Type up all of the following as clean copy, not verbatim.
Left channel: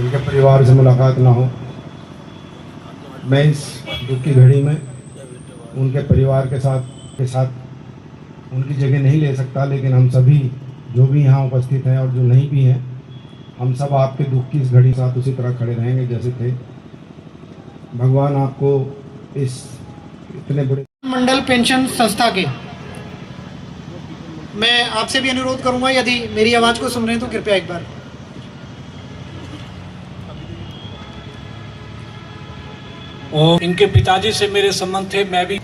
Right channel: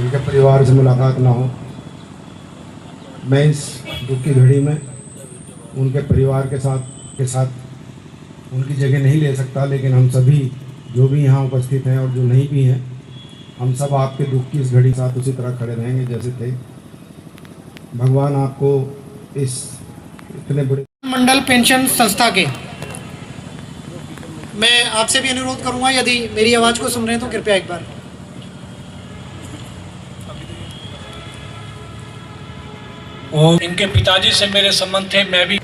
उनके परिवार से मुलाकात ना हो। मैं इस दुख की घड़ी में उनके परिवार के साथ उनकी जगह नहीं ले सकता, लेकिन हम सभी जो भी यहाँ उपस्थित हैं और जो नहीं भी हैं, हम सब आपके दुख की इस घड़ी के साथ उसी तरह खड़े रहेंगे जैसे थे। भगवान आपको इस इतने बड़े मंडल पेंशन संस्था के मैं आपसे भी अनुरोध करूंगा, यदि मेरी आवाज को सुन रहे हैं तो कृपया एक बार और इनके पिताजी से मेरे संबंध थे। मैं भी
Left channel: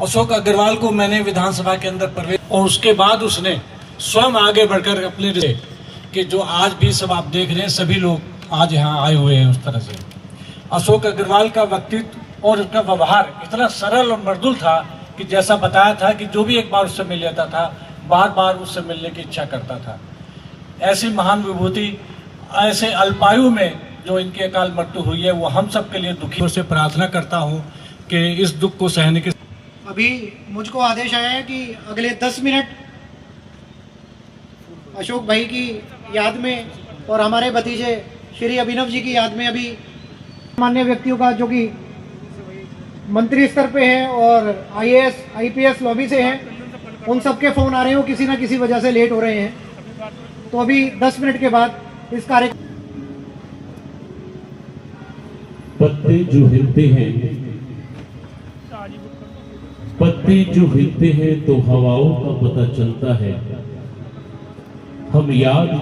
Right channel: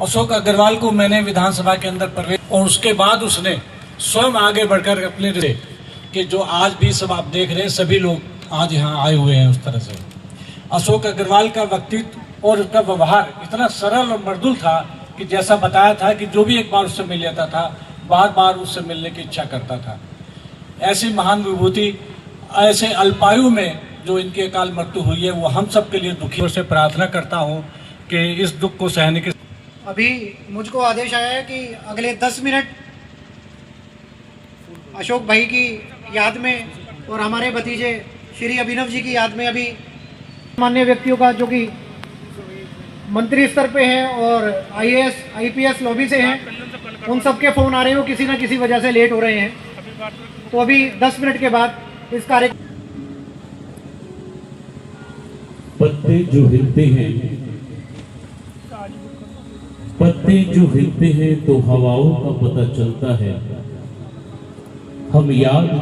अशोक अग्रवाल को मैंने विधानसभा के अंदर प्रवेश, और उसके बाद उसने स्वयं आगे बढ़कर अपने कि जो आज भी सब आप देख रहे हैं, सभी लोग आज यहाँ आए हुए हैं। उस तरह से अशोक अग्रवाल का व्यक्तित्व और उसका व्यवहार इतना सरल और मृदुल था कि जैसा बताया था कि जो भी एक बार उससे मिल जाता था, बार बार उससे मिलने की इच्छा करता था। ऐसी महान विभूति ऐसे अल्पायु में जो इनकी अकाल मृत्यु हुई है, वो हम सब के लिए दुखी से प्रार्थना करता हूँ कि इस दुख को सहने के। अभी मुझको आदेश आया है कि अगले 10 मिनट अशोक भाई की याद में और हमारे भतीजे श्री अभिनव जी की याद में अभी मान्य व्यक्तियों का जो कि मंत्री स्तर पे है और आईएएस आईपीएस लॉबी से हैं, उन सबके फोन आ रहे हो, किसी न किसी वजह से लेट हो रहे हैं। तो अभी 10 मिनट के बाद इस कार्यक्रम पत्ते जो हिलते हैं, पत्ते जो हिलते हैं तो हवाओं का पता चलता है। हम याद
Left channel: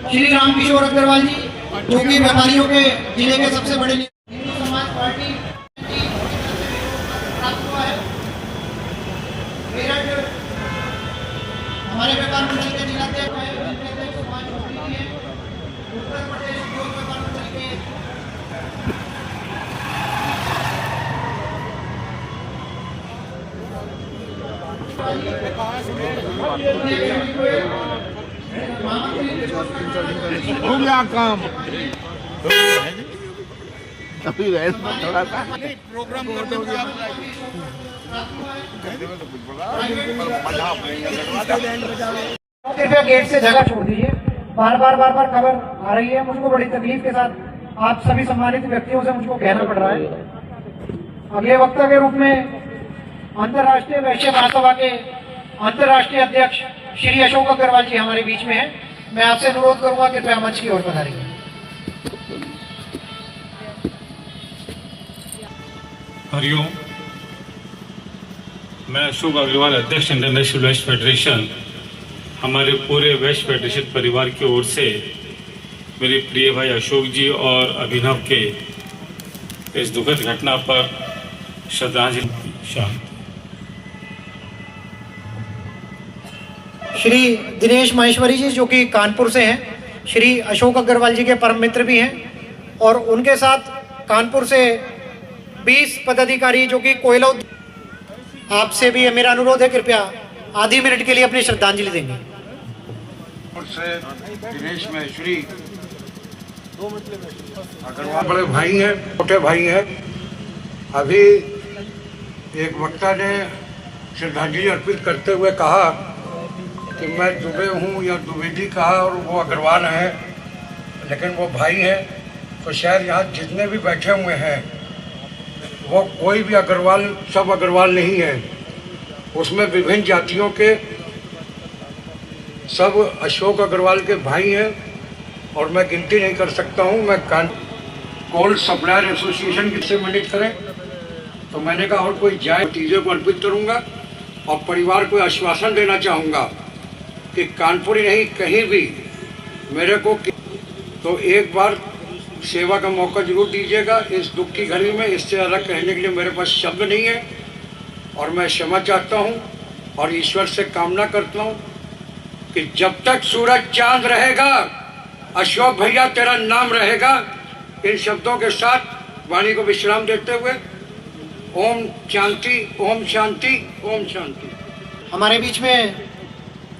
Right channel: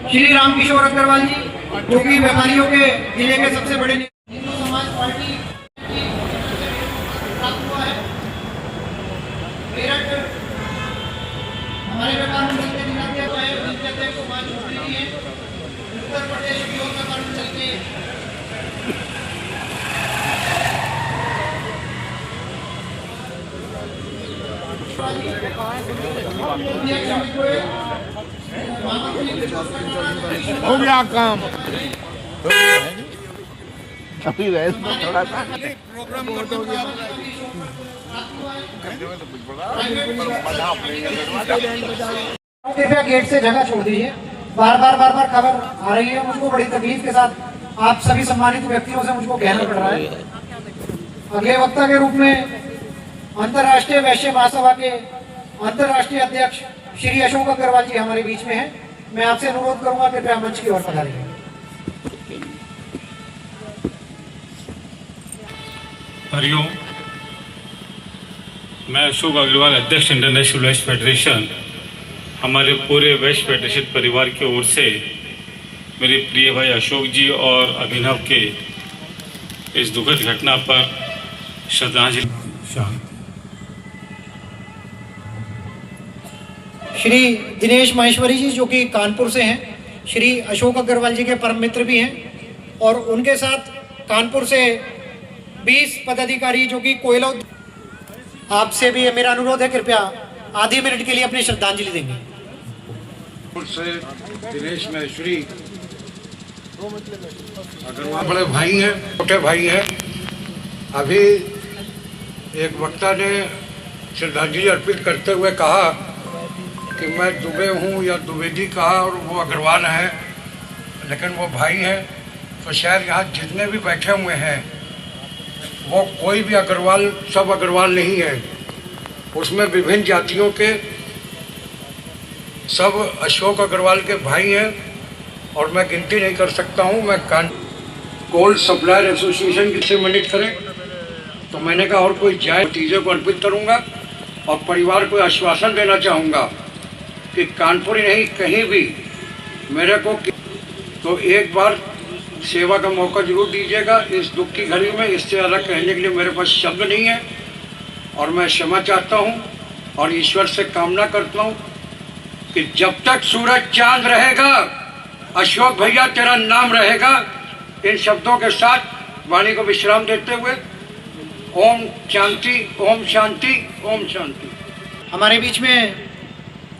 श्री रामकिशोर अग्रवाल जी, जो कि व्यापारियों के जिले के सबसे बड़े हिंदू समाज पार्टी प्राप्त हुआ है। मेरठ हमारे व्यापार मंडल के जिलाध्यक्ष है, उनके अध्यक्ष सुभाष चौधरी जी हैं। उत्तर प्रदेश उद्योग व्यापार मंडल के हो गया काम अभी रहे थोड़ा सा कृपया गेट से जगह छोड़ दीजिए। बार बार खबर आ रही है, मुझको बड़ी तकलीफ के साथ आप सभी सम्मानित व्यक्तियों से मुझको कहना पड़ रहा है। अगले वक्ता के रूप में अंतर्राष्ट्रीय वैश्य महासभा के अंतर्राष्ट्रीय अध्यक्ष श्री अशोक अग्रवाल जी हमारे बीच में हैं। मैं आपसे अनुरोध करूंगा कि कृपया मंच की ओर पधारिए। हरिओम, मैं अशोक अग्रवाल, अध्यक्ष इंटरनेशनल वेस्ट फेडरेशन, हमारे पूरे वेस्ट फेडरेशन परिवार की ओर से मेरे प्रिय भाई अशोक जी और अभिनव के इस दुखद घटना पर श्रद्धांजलि शामिल। श्री दिनेश माहेश्वरी जी, जो कि कानपुर से हैं, श्री अशोक अग्रवाल जी के परम मित्र भी हैं, और उनके साथ कानपुर से 20 पदाधिकारी जो कि कोयला। आपसे भी मेरा अनुरोध है, कृपया आधी मिनट के लिए अपनी श्रद्धांजलि देंगे। दिनेश माहेश्वरी बड़े भाई हैं, छोटे भाई हैं। अभी एक वक्ता ने श्रद्धांजलि अर्पित करते हुए कहा कि मैं दुबे हूँ या द्विवेदी कहा, और वो अग्रवाल हैं, लेकिन वो भाई हैं। तो शायद यहाँ जितने भी बैठे हुए हैं वो कोई भी अग्रवाल, सब अग्रवाल नहीं है। उसमें विभिन्न जातियों के सब अशोक अग्रवाल के भाई हैं, और मैं गिनती नहीं कर सकता हूँ। मैं कोल सप्लायर एसोसिएशन से मिलित करें, तो मैंने कहा और कोई जाए चीज़ों को अर्पित करूँगा, और परिवार को आश्वासन देना चाहूँगा कि कानपुर ही नहीं, कहीं भी मेरे को तो एक बार सेवा का मौका जरूर दीजिएगा इस दुख की घड़ी में। इससे ज़्यादा कहने के लिए मेरे पास शब्द नहीं है, और मैं क्षमा चाहता हूँ और ईश्वर से कामना करता हूँ कि जब तक सूरज चांद रहेगा, अशोक भैया तेरा नाम रहेगा। इन शब्दों के साथ वाणी को विश्राम देते हुए ओम शांति, ओम शांति, ओम शांति। हमारे बीच में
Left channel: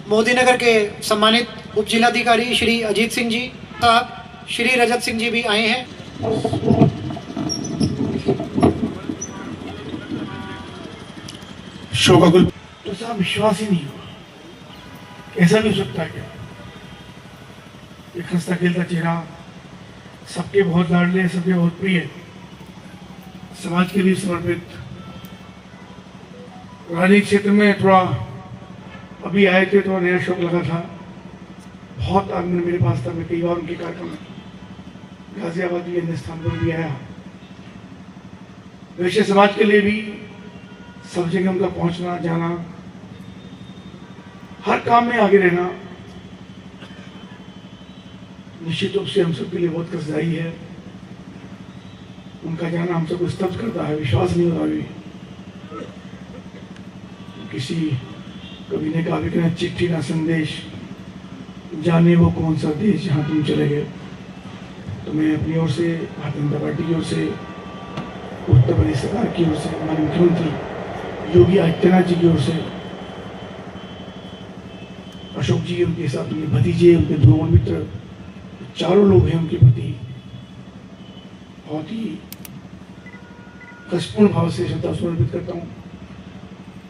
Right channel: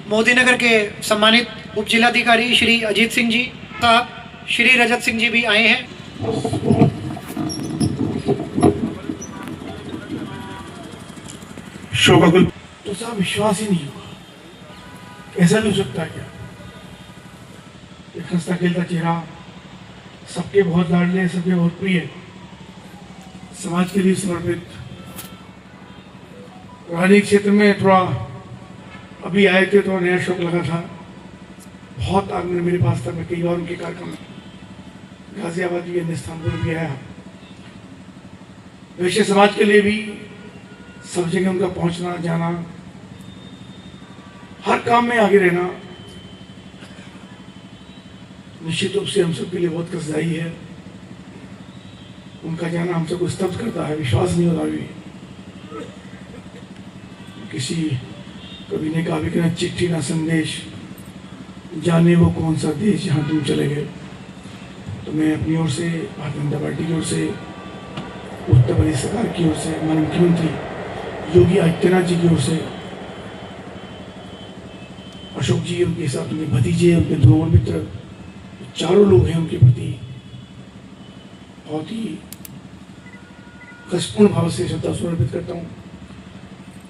मोदीनगर के सम्मानित उप जिलाधिकारी श्री अजीत सिंह जी साहब, श्री रजत सिंह जी भी आए हैं। ऐसा विश्वास ही नहीं हुआ, ऐसा नहीं सकता क्या। एक हंसता खेलता चेहरा, सबके बहुत लाडले, सबके बहुत प्रिय, समाज के लिए समर्पित। राजनीतिक क्षेत्र में थोड़ा अभी आए थे तो नया शौक लगा था, बहुत आनंद मेरे पास था। मैं कई बार उनके कार्यक्रम में गाजियाबाद भी, अन्य स्थान पर भी आया। वैश्य समाज के लिए भी सब जगह उनका पहुंचना, जाना, हर काम में आगे रहना निश्चित रूप से हम सब के लिए बहुत कष्टदायी है। उनका जाना हम सबको स्तब्ध करता है, विश्वास नहीं होता अभी। किसी कवि ने कहा कि ना चिट्ठी ना संदेश, जाने वो कौन सा देश जहाँ तुम चले गए। तो मैं अपनी ओर से, भारतीय जनता पार्टी की ओर से, उत्तर प्रदेश सरकार की ओर से, हमारे मुख्यमंत्री योगी आदित्यनाथ जी की ओर से, अशोक जी, उनके साथ उनके भतीजे, उनके ध्रुव मित्र, चारों लोग हैं, उनके प्रति बहुत ही कष्टपूर्ण भाव से श्रद्धा समर्पित करता हूँ।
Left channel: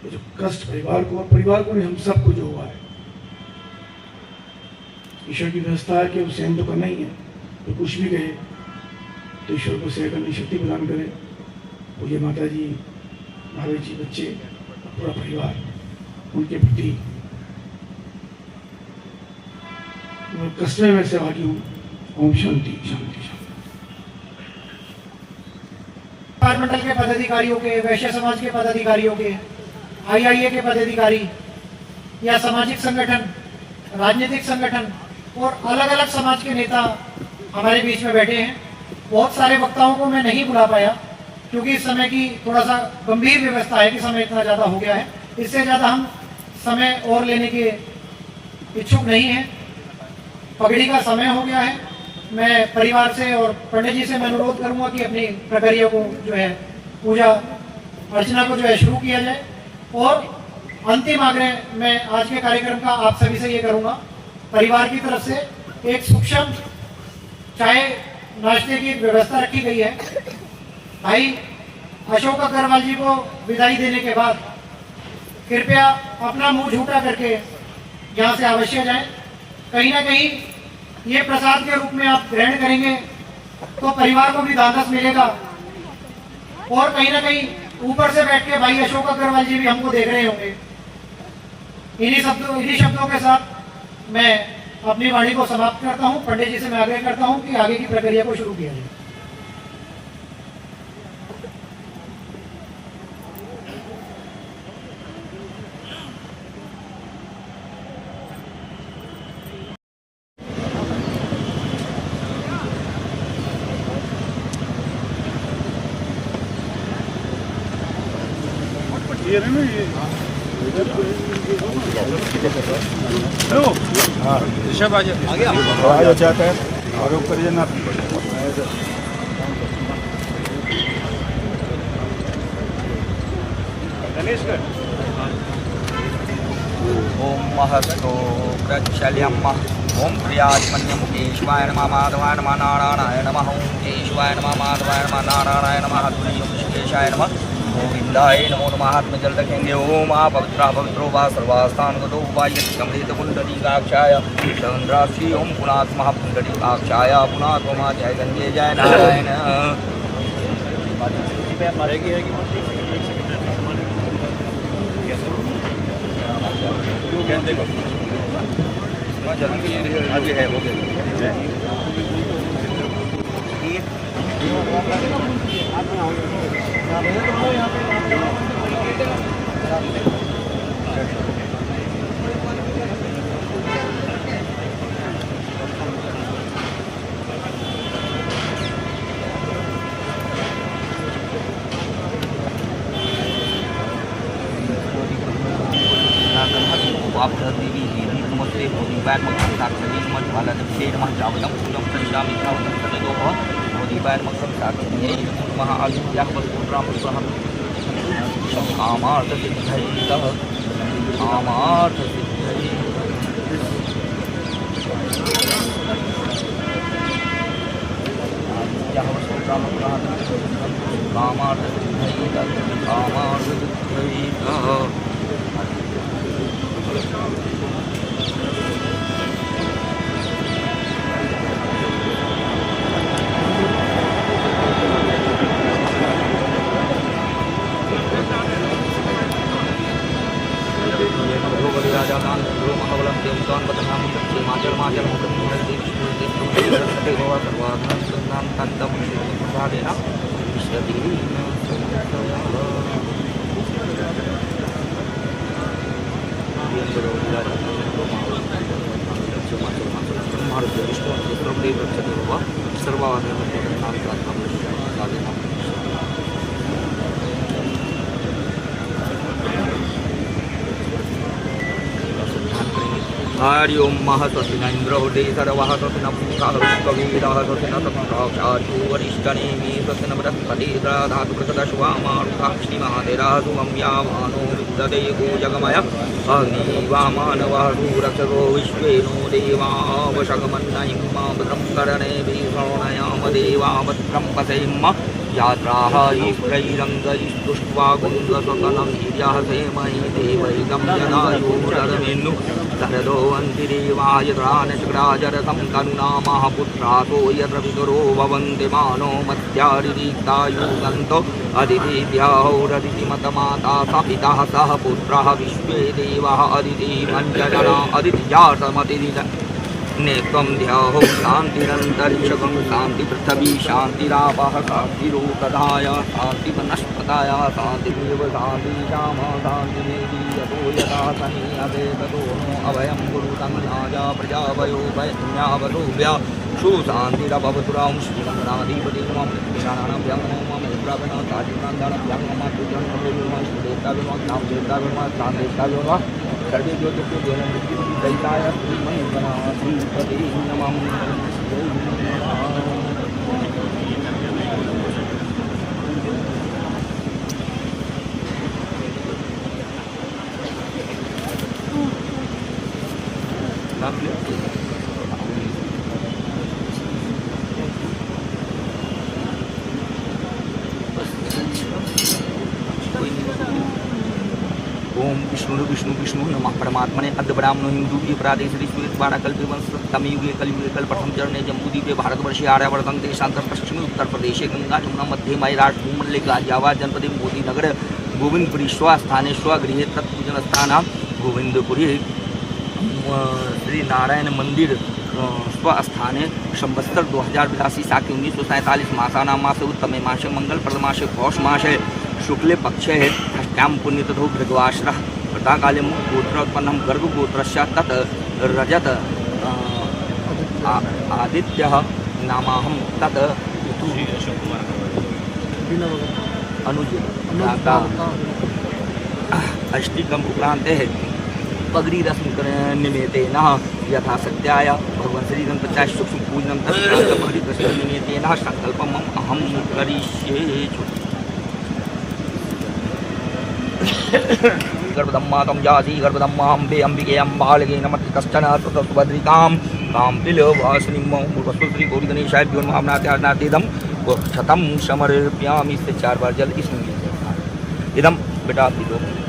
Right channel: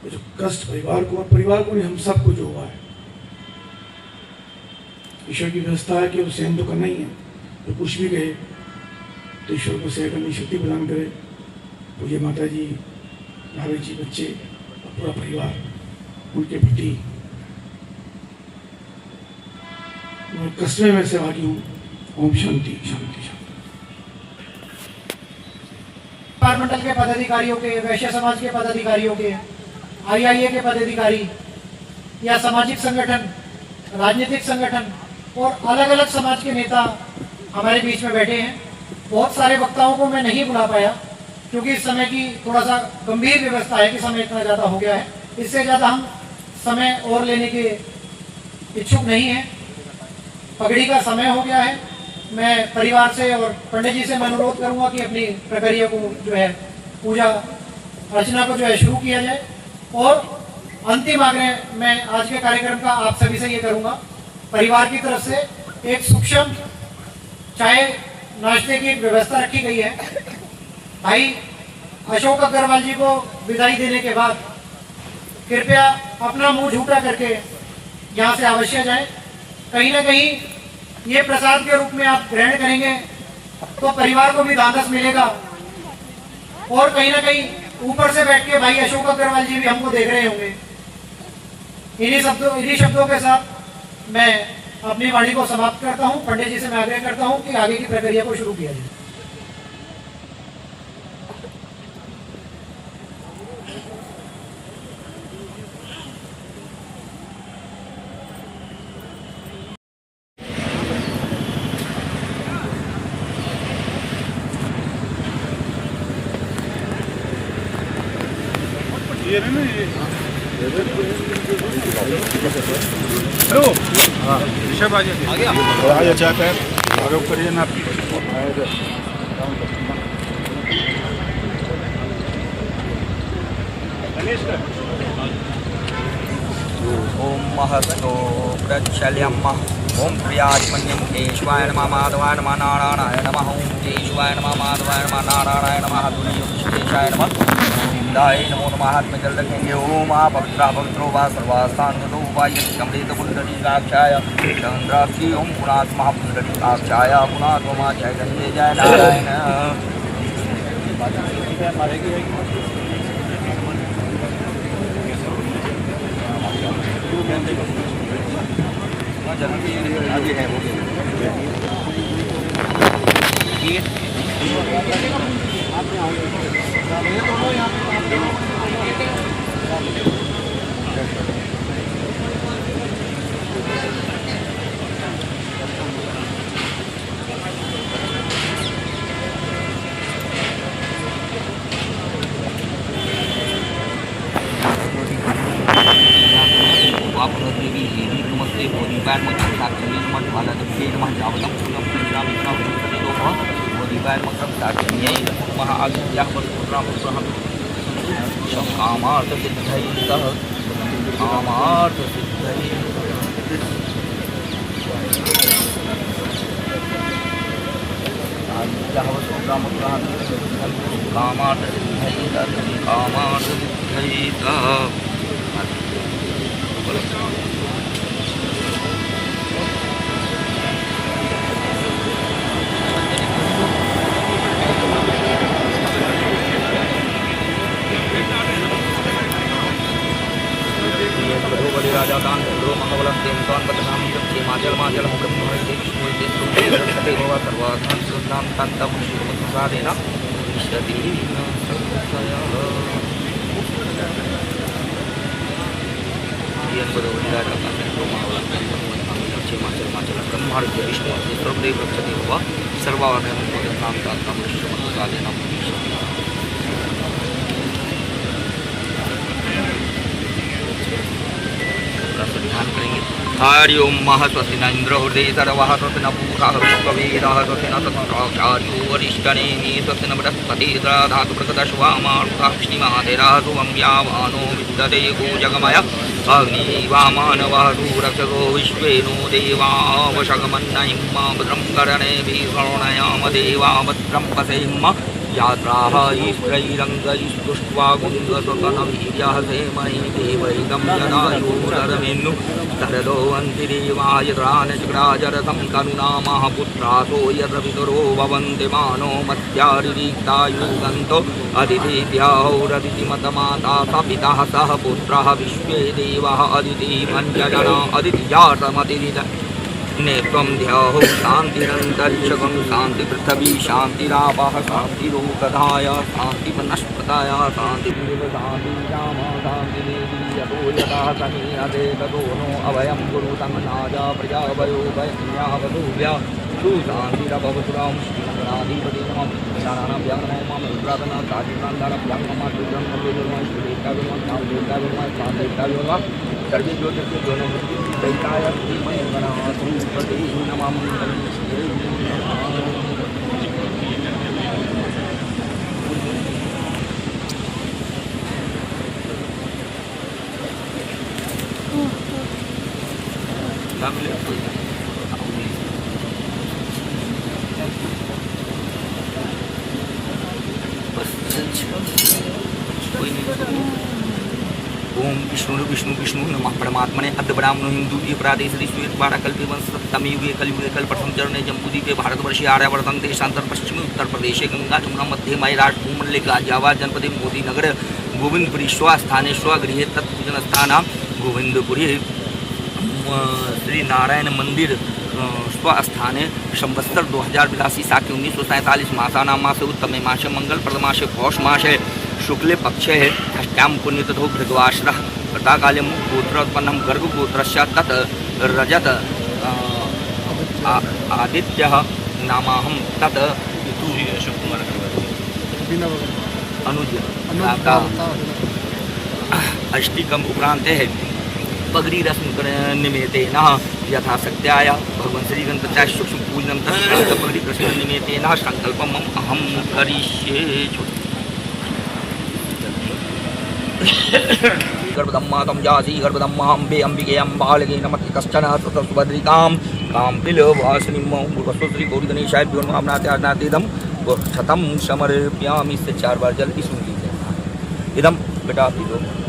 जो कष्ट परिवार को नहीं, हम सबको जो हुआ है, ईश्वर की व्यवस्था है कि उसे सहन तो करना ही है। तो कुछ भी कहे तो ईश्वर को सहन करने की शक्ति प्रदान करे। तो ये माता जी, भाभी जी, बच्चे, पूरा परिवार, उनके प्रति मैं कष्ट में सहभागी हूँ। ओम शांति, शांति, शांति। मंडल के पदाधिकारियों के, वैश्य समाज के पदाधिकारियों के, आईआईए के पदाधिकारी या सामाजिक संगठन, राजनीतिक संगठन, और अलग अलग समाज के नेता हमारे बीच में बैठे हैं। बहुत सारे वक्ताओं को मैं नहीं बुला पाया क्योंकि इस समय की थोड़ा सा गंभीर व्यवस्था है कि समय इतना ज़्यादा हो गया है। इससे ज़्यादा हम समय और लेने के इच्छुक नहीं हैं। पगड़ी का समय हो गया है। मैं परिवार से और पंडित जी से मैं अनुरोध करूंगा कि अपनी प्रक्रिया को जो है पूजा अर्चना को जो है शुरू किया जाए। और अंतिम आग्रह मैं आज के कार्यक्रम का आप सभी से ये करूंगा, परिवार की तरफ से एक सूक्ष्म चाय नाश्ते की एक व्यवस्था रखी गई है। भाई अशोक अग्रवाल जी को विदाई देने के बाद कृपया अपना मुंह झूठा करके यहाँ से अवश्य जाएं। कहीं ना कहीं ये प्रसाद के रूप में आप ग्रहण करेंगे तो परिवार को भी ढांढस मिलेगा और कहीं ना कहीं ऊपर से बैठ के भाई अशोक अग्रवाल जी भी हमको देख रहे होंगे। इन्हीं शब्दों के साथ मैं अपनी वाणी को समाप्त करता हूँ। पंडित जी से मैं आग्रह करता हूँ कि आगे की प्रक्रिया को शुरू किया जाए। ओम महस्तो प्रचल्यम ओम प्रियात्मन्यम केशवाय नमः माधवाय नमः नारायणाय नमः ओम केशवाय नमः माधवाय नमः नारायणाय नमः तुल्यम विश्वेशाय नमः गोविंदाय नमो नमः। हाथ में जल रखेंगे। ओम आ पवित्रो वा सर्वास्थानगतो वा यमृत कुंडलीकाक्षाय चंद्राक्षी ओम पुनात् महापुंडलीकाक्षाय पुनात्मा जय गंगे जय नारायण। आगे है हो गया। नमस्ते बोधिपायन मक्रम साक्षरी नमः ज्वालादक्षे नमः जावदम फूलम संश्रामि नमः सजदोः बोधिपायन मक्रम साक्षरी नमः आदित्याः वस्तुरामस्वहं कामार्थ सिद्धैः कामार्थ सिद्धैः आदित्याः वस्तुरामस्वहं कामार्थ सिद्धैः कामार्थ सिद्धैः। राजादान इंद्रो महाबलम देवतान बदनाम दक्षे माजल माजल मुकम भारते विष्णु सते भव सर्वाधन सुनाम तत्तम श्रीमत् प्रसादेना विश्वति राजादान इंद्रो महाबलम देवतान बदनाम दक्षे माजल माजल मुकम भारते विष्णु सर्वदेव रक्षते भव सर्वाधन सुनाम तत्तम श्रीमत् प्रसादेना ध्यान करेंगे। हरि ओम मह स्वस्ति न इंद्र हृदय सर्वः स्वस्ति न पूषा विश्ववेदः स्वस्ति न तत्प्राचार्यो वरिष्ठनेमि स्वस्ति न बृहस्पति धातु प्रकटश्वामारुतः श्रीमहातेरः शुभं यावानो विद्यते गोजगमय अग्निवामानवः सुरक्षसो विश्वेनो देवा वशगमन्नहिं भद्रं कर्णेभिः शृणयाम देवा भद्रं पशेम यात्राः युष्टैरङ्गैस्तुष्ट्वा गुङ्गस्वकनं यः देवैदं यदायुरमेन्नु तरदो अन्तिदेवाय त्राणचक्राजरतं तनुनामः पुत्रासो यत्र पितरो भवन्ति मानो मध्यारिक्तायुगन्तो अदितिभ्यौरदितिमतमाता स पितः सह पुत्रः विश्वे देवः अदिति पञ्चजना अदितिजातमतिविद नेत्वं ध्याहो शान्तिरन्तरिक्षगं शान्तिपृथिवी शान्तिरापः शान्तिरोकधाय शान्तिवनस्पतय शान्तिरेव शान्तिराम शान्तिरेवी यतो यथा समीयते ततो नो अभयं गुरुतं नाजा प्रजाभयो वैज्ञावधूभ्या सुशान्तिरभवपुरां सर्वे जो ओम विष्णु विष्णु विष्णु नमः परमात्मने अद्य ब्राह्मण हिंदू ये प्रादेश ऋषिवाड़ा कल्पे सप्तमी युगे कलयुगे कल प्रथम चरणे जम्बूद्वीपे भारतवर्षे आर्यावर्तन देशांतर पश्चिमी उत्तर प्रदेशे गंगा जमुना मध्य महाराष्ट्र भूमंडले गाजियाबाद जनपदे मोदी नगर गोविंदपुरी स्वस्थाने स्वगृहे तत्पूजन स्थान गोविंदपुरी श्री नारायण मंदिर स्वस्थाने संवत्सर 2082 साके 1947 मासानां मासे उत्तमे मासे मंगल प्रद मासे पौष मासे शुक्ले पक्षे षष्ट्यां पुण्यतिथौ भृगवाश्रः प्रातःकाले गोत्रोत्पन्नं गर्गगोत्रस्य तत् रजत आदित्यः नामाहं तत् अनुज अष्टिकम् उपरान्ते पगड़ी रस्म निमित्तेन यथा सत्याय भगवान श्री गणपत्याः शुभ पूजनं तत् पगड़ी रस्म निमित्तेन संकल्पम् अहं करिष्ये। गर्भदम्मातं जाति गर्भदम्माम्बे अम्बिके अम्बालके नमति कश्चन सुभद्रिकां काम्पिलवासिनीं पूर्वस्तु श्री गौरी गणेशाय नाथेदम शतं समर्पयामि। इससे 4 बार जल की सुन लीजिए। इदम बेटा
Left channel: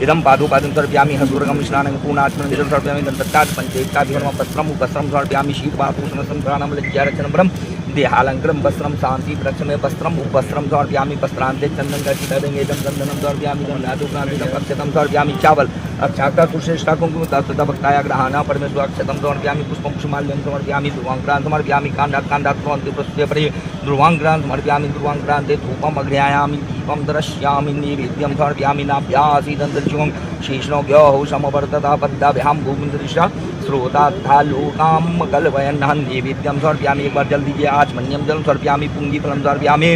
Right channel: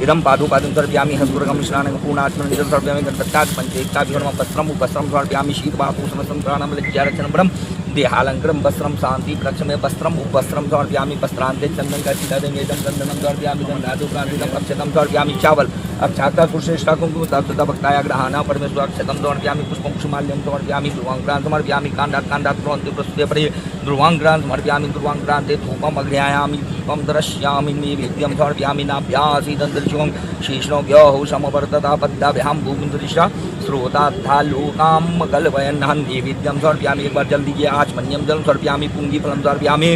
इदम पादुपादं सर्पयामि हस्तुर्गं स्नानं पूर्णात्मनं सर्पयामि गणपत्यात् पंचेक्ताभिगणं वस्त्रं वस्त्रं सर्पयामि शीतवापूषणं प्राणं लज्जारक्षणं ब्रह्म देहालंकृतं वस्त्रं शांति प्रक्षमे वस्त्रं उपवस्त्रं समर्पयामि वस्त्रान्ते चन्दनं कटितदेङ्गेदं चन्दनं समर्पयामि गन्धादिप्रान्तिकम् अक्षतं समर्पयामि चावल अक्षाता सुश्रेष्ठा कुङ्कुमभक्ताय ग्रहाणा परमेश्वर अक्षतं समर्पयामि पुष्पं कुसुमाल्यं समर्पयामि ध्रुवाङ्क्रान् समर्पयामि काण्डात् प्रोन्ते पृष्ठे परि ध्रुवाङ्क्रान् समर्पयामि ध्रुवाङ्क्रान्ते धूपम् अग्रयामि दीपं दर्शयामि नैवेद्यं समर्पयामि नाभ्यासीदन्तरिक्षं शेषणोऽग्यः समवर्तता पद्याभ्यां भूमिन्दृशा श्रोतालोकां कल्पयन्नहं नैवेद्यं समर्पयामि। एक बार जल्दी किया आचमन्यं जलं समर्पयामि पुंजीफलं समर्पयामि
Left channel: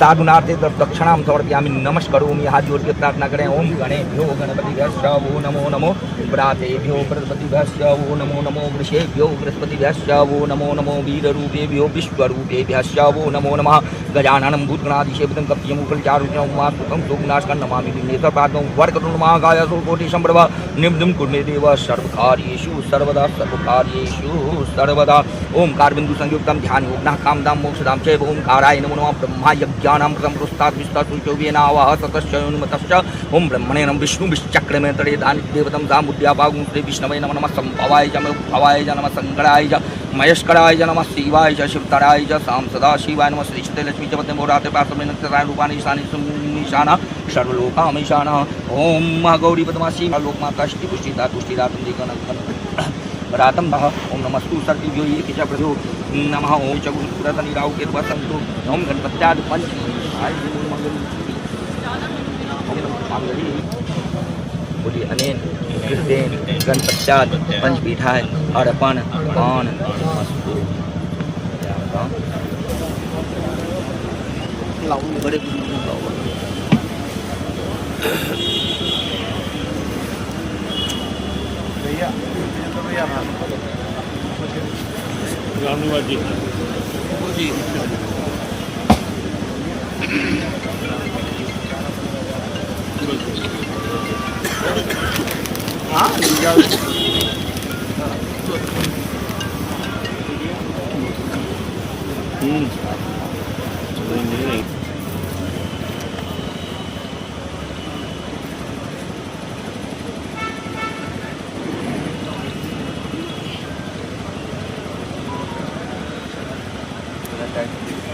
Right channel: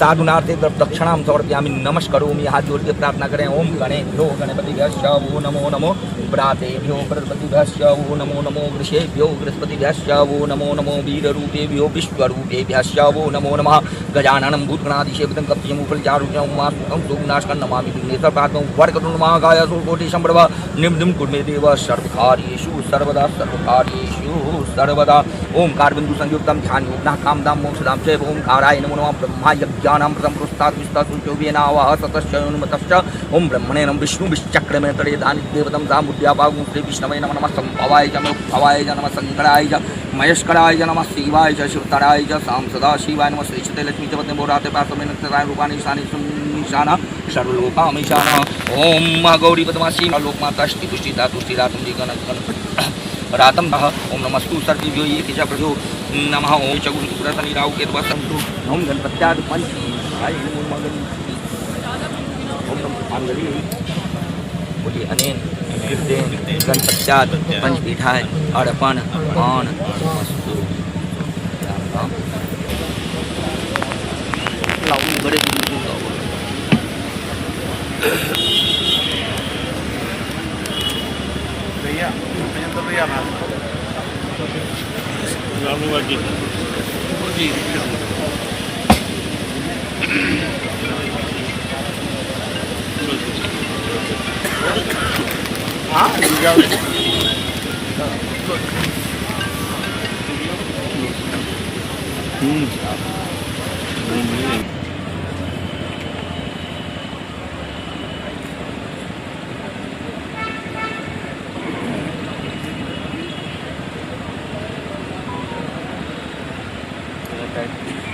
साधुनार्थे दक्षिणां समर्पयामि नमस्करोमि। हाथ जोड़ के प्रार्थना करें। ओम गणेभ्यो गणपतिभ्यश्च वो नमो नमो व्रातेभ्यो बृहस्पतिभ्यश्च वो नमो नमो वृषेभ्यो बृहस्पतिभ्यश्च वो नमो नमो वीररूपेभ्यो विश्वरूपेभ्यश्च वो नमो नमः। गजाननं भूतगणाधीशेवितं कप्यमुपचारुण्यं उमासुतं सोमनाशकं नमामि विघ्नेश्वर पादं वरकरुण महाकाय सूर्यकोटिसम्प्रभ निर्मलं कुर्मे देव सर्वकार्येषु सर्वदा सर्वदा। ओंकार बिंदु संयुक्तं ध्यान योगनः कामदां मोक्षदां चैव ओंकाराय नमो नमः। ब्रह्मा यज्ञानां प्रथम पुरस्तात् विष्णुचोवेनावह ततश्च अनुमतश्च ओं ब्रह्मणे नमः। विष्णु विश्चक्रमे तड़े दानि देवतं सामुद्यापागुं श्री विष्णवे नमः। नमः संभवाय च भवाय च नमः शंकराय च महेश्वराय च नमः शिवाय च शिवतराय च साम सदा शिवाय नमः। श्री लक्ष्मी च पद्मे मोराते पार्श्वे नक्षत्राणि रूपाणि ईशाना सर्वलोकामीशानः। ओम गौरी पद्मासी लोकमाता पुष्टिता तुष्टिरातं जीवनं रातम ओम नमस्तु सर्वेभ्यो ये किचा प्रभो नमः। ओम च गुरुपुरतनिराव के वसन्तु ओम गणपत्याद पंच आय मंगल ओम मंगली बोलिए अनेन गणपत्याद पंच पीठाय अर्पण पान लाऊ बड़े भैया तो भैया रामनिवास जी हाँ है।